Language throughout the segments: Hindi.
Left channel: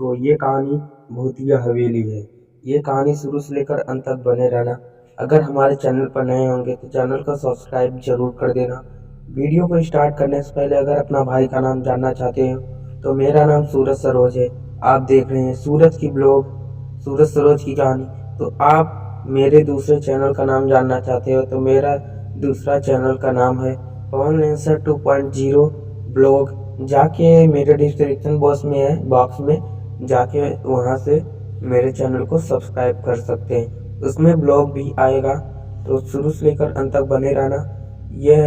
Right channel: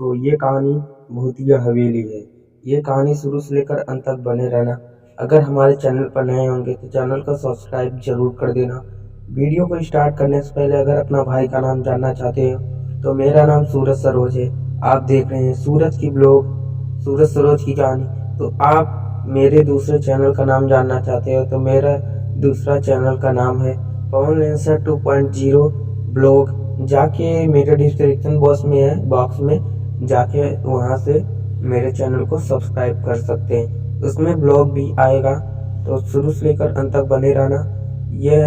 तो ये कहानी भूतिया हवेली है। ये कहानी शुरू से लेकर अंत तक बने रहना। अगर हमारे चैनल पर नए होंगे तो चैनल को सब्सक्राइब जरूर कर देना। वीडियो को स्टार्ट करने से पहले अगर अपना भाई का नाम जानना चाहते हो तो मेरा नाम सूरज सरोज है। आप देख रहे हैं सूरज की ब्लॉग, सूरज सरोज की कहानी। तो आप मेरे दूसरे चैनल का नाम जानना चाहते हो तो मेरा दूसरा चैनल का नाम है पवन लेंसर 2.0 ब्लॉग। जाके मेरे डिस्क्रिप्शन बॉक्स में जाके वहाँ से मेरे चैनल को सब्सक्राइब कर सकते हैं। उसमें ब्लॉग भी आएगा, तो शुरू से लेकर अंत तक बने रहना। यह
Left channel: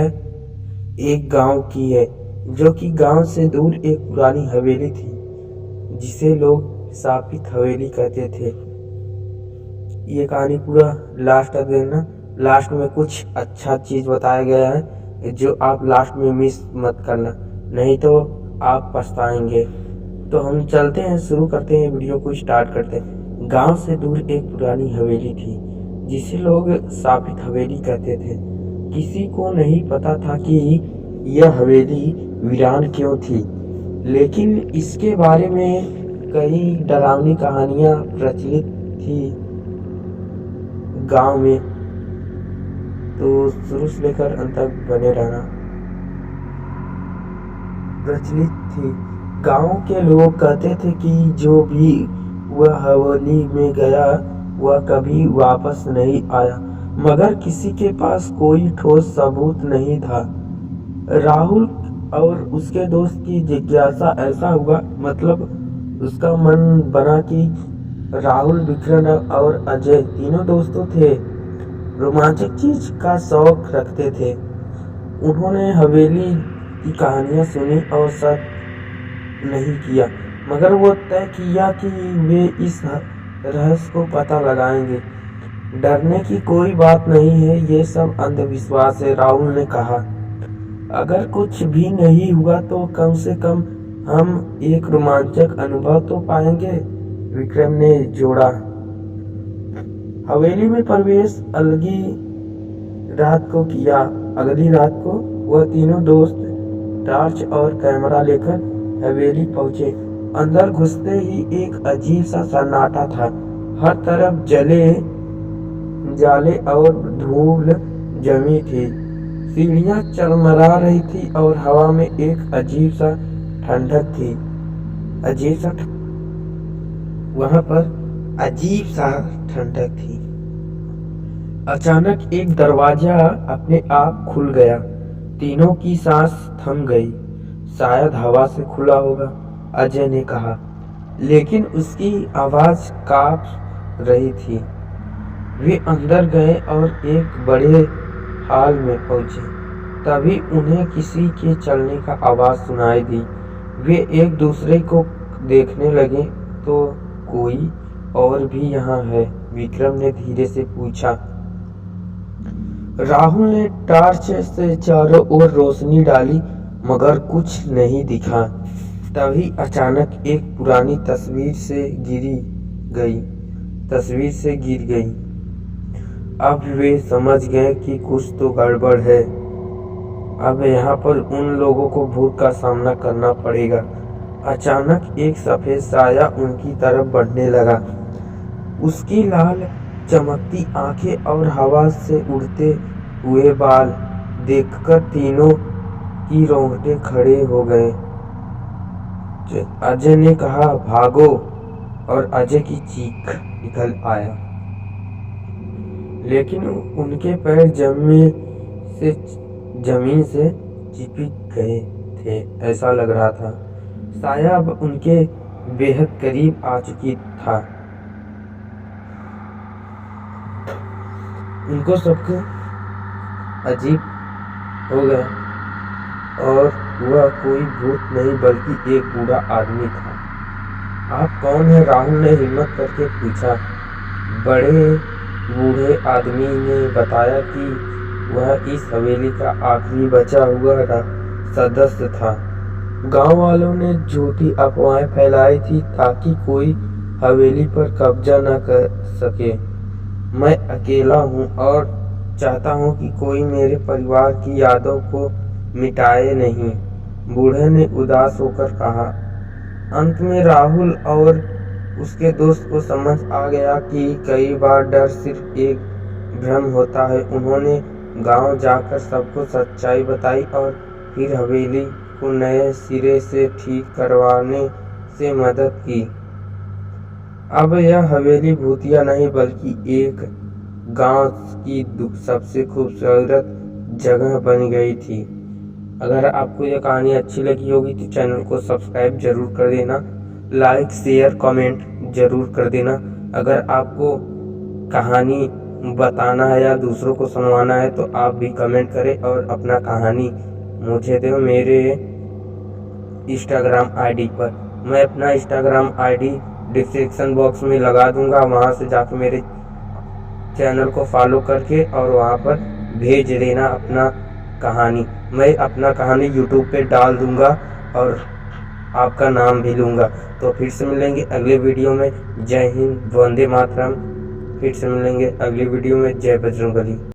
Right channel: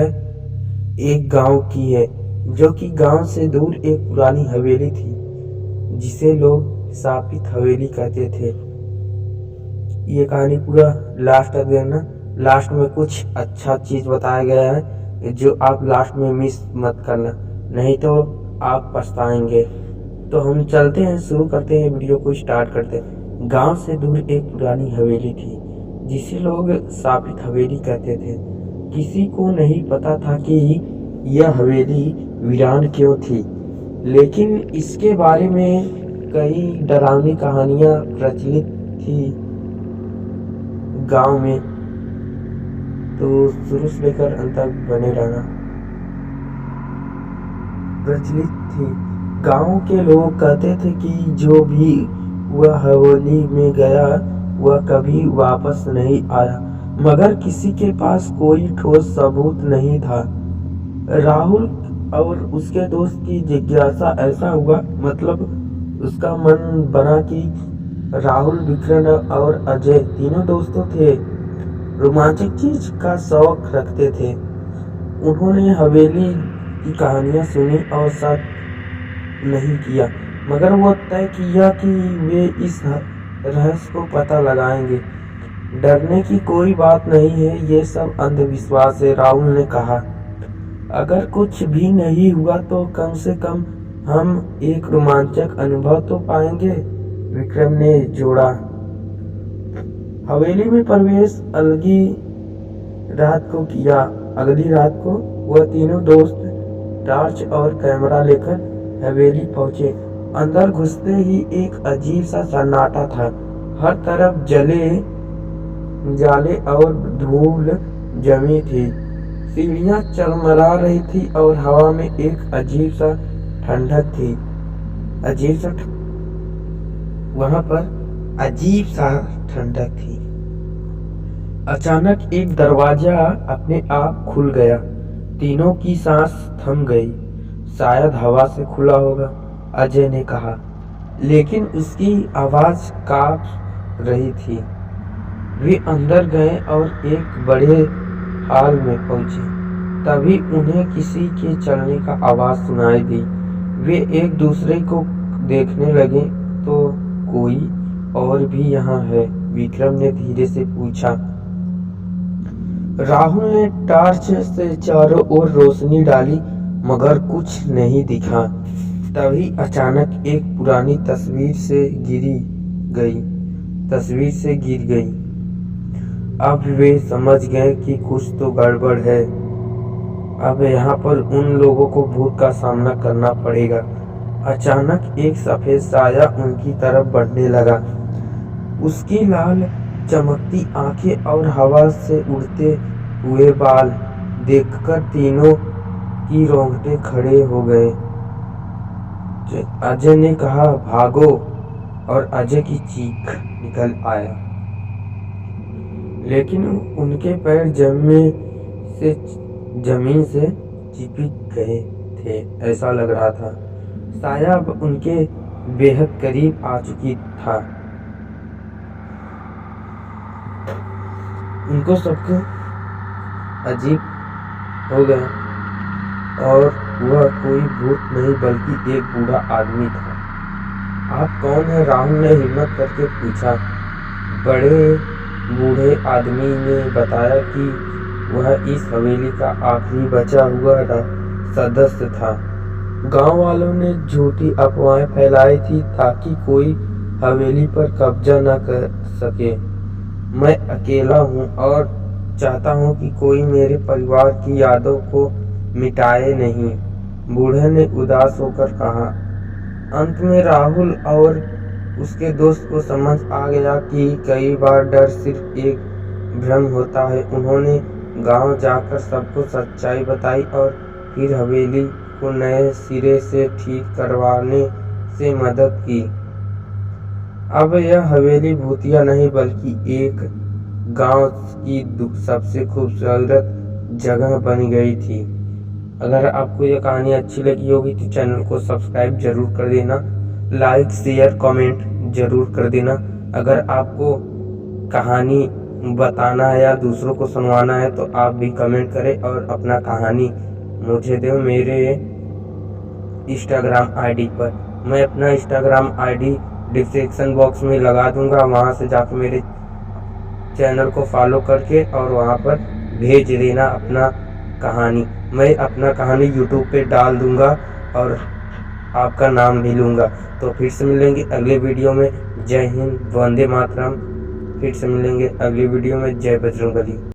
एक गांव की है, जो कि गांव से दूर एक पुरानी हवेली थी जिसे लोग शापित हवेली कहते थे। ये कहानी पूरा लास्ट तक देखना। लास्ट में कुछ अच्छा चीज बताया गया है जो आप लास्ट में मिस मत करना, नहीं तो आप पछताएंगे। तो हम चलते हैं, शुरू करते हैं, वीडियो को स्टार्ट करते हैं। गांव से दूर एक पुरानी हवेली थी जिसे लोग शापित हवेली कहते थे। किसी को नहीं पता था कि यह हवेली वीरान क्यों थी, लेकिन इसके बारे में कई डरावनी कहानियां प्रचलित थी गांव में। तो शुरू से लेकर अंत तक बने रहना। प्रचलित थी, गांव के लोग कहते थे कि जो भी वह हवेली में गया वह कभी वापस नहीं आया, मगर किसी के पास कोई ठोस सबूत नहीं था। राहुल और उसके दोस्त की जिज्ञासा ऐसा हुआ, मतलब उसका मन बना कि राहुल, विक्रम और अजय तीनों दोस्तों थे, रोमांचक चीज का शौक रखते थे। उन्होंने हवेली की कहानियां सुनी और शक नहीं किया, मगर वो तय किया कि वे इस रहस्य को पता लगाएंगे। डरने की कोई बात नहीं है, ये सब अंधविश्वास है, राहुल ने कहा। अगर कुछ भी नहीं हुआ तो कम से कम हम एक रोमांचक अनुभव तो पाएंगे, विक्रम ने जोड़ा। हवेली में प्रवेश अगली रात को वह तीनों दोस्त टॉर्च और कैमरा लेकर हवेली पहुंचे। अंदर घुसते ही एक अजीब सा सन्नाटा था। हर तरफ जाले और धूल जमी थी। सीढ़ियां चरमरा रही थी और हवा में एक अजीब सा ठंडक थी। वहां पर अजीब सा ठंडक थी। अचानक एक दरवाजा अपने आप खुल गया। तीनों की सांस थम गई। शायद हवा से खुला होगा, अजय ने कहा, लेकिन उसकी आवाज कांप रही थी। वे अंदर गए और एक बड़े हॉल में पहुंचे। तभी उन्हें किसी के चलने का आवाज सुनाई दी। वे एक दूसरे को देखने लगे। तो कोई और भी यहाँ है? विक्रम ने धीरे से पूछा। राहुल ने टॉर्च से चारों ओर रोशनी डाली, मगर कुछ नहीं दिखा। तभी अचानक एक पुरानी तस्वीर से गिर गई। अब वे समझ गए कि कुछ तो गड़बड़ है। अब यहाँ पर उन लोगों को भूत का सामना करना पड़ेगा। अचानक एक सफेद साया उनकी तरफ बढ़ने लगा। उसकी लाल चमकती आंखें और हवा से उड़ते हुए बाल देखकर तीनों की रोंगटे खड़े हो गए। अजय ने कहा, भागो, और अजय की चीख निकल आया, लेकिन उनके पैर जमीन से चिपक गए थे, ऐसा लग रहा था। साया अब उनके बेहद करीब आ चुकी था। उनको सबको अजीब हो गया, और वह कोई भूत नहीं बल्कि एक बूढ़ा आदमी था। आप कौन है? राहुल ने हिम्मत करके पूछा। बड़े बूढ़े आदमी ने बताया कि वह इस हवेली का आखिरी बचा हुआ सदस्य था। गांव वालों ने झूठी अफवाहें फैलाई थी ताकि कोई हवेली पर कब्जा न कर सके। मैं अकेला हूँ और चाहता हूँ कि कोई मेरे परिवार की यादों को मिटाए नहीं, बूढ़े ने उदास होकर कहा। अंत में राहुल और उसके दोस्त को समझ आ गया कि कई बार डर सिर्फ एक भ्रम होता है। उन्होंने गांव जाकर सबको सच्चाई बताई और फिर हवेली को नए सिरे से ठीक करवाने से मदद की। अब यह हवेली भूतिया नहीं बल्कि एक गांव की सबसे खूबसूरत जगह बन गई थी। अगर आपको यह कहानी अच्छी लगी होगी तो चैनल को सब्सक्राइब जरूर कर देना, लाइक शेयर कमेंट जरूर कर देना। अगर आपको कहानी बताना है या दूसरों को सुनवाना है तो आप भी कमेंट करें और अपना कहानी मुझे दो मेरे इंस्टाग्राम आईडी पर। मैं अपना इंस्टाग्राम आईडी डिस्क्रिप्शन बॉक्स में लगा दूंगा, वहां से जाके मेरे चैनल को फॉलो करके और वहां पर भेज देना अपना कहानी। मैं अपना कहानी यूट्यूब पे डाल दूंगा और आपका नाम भी लूँगा। तो फिर से मिलेंगे अगले वीडियो में। जय हिंद, वंदे मातरम। फिर से मिलेंगे अगली वीडियो में। जय बजरंगबली।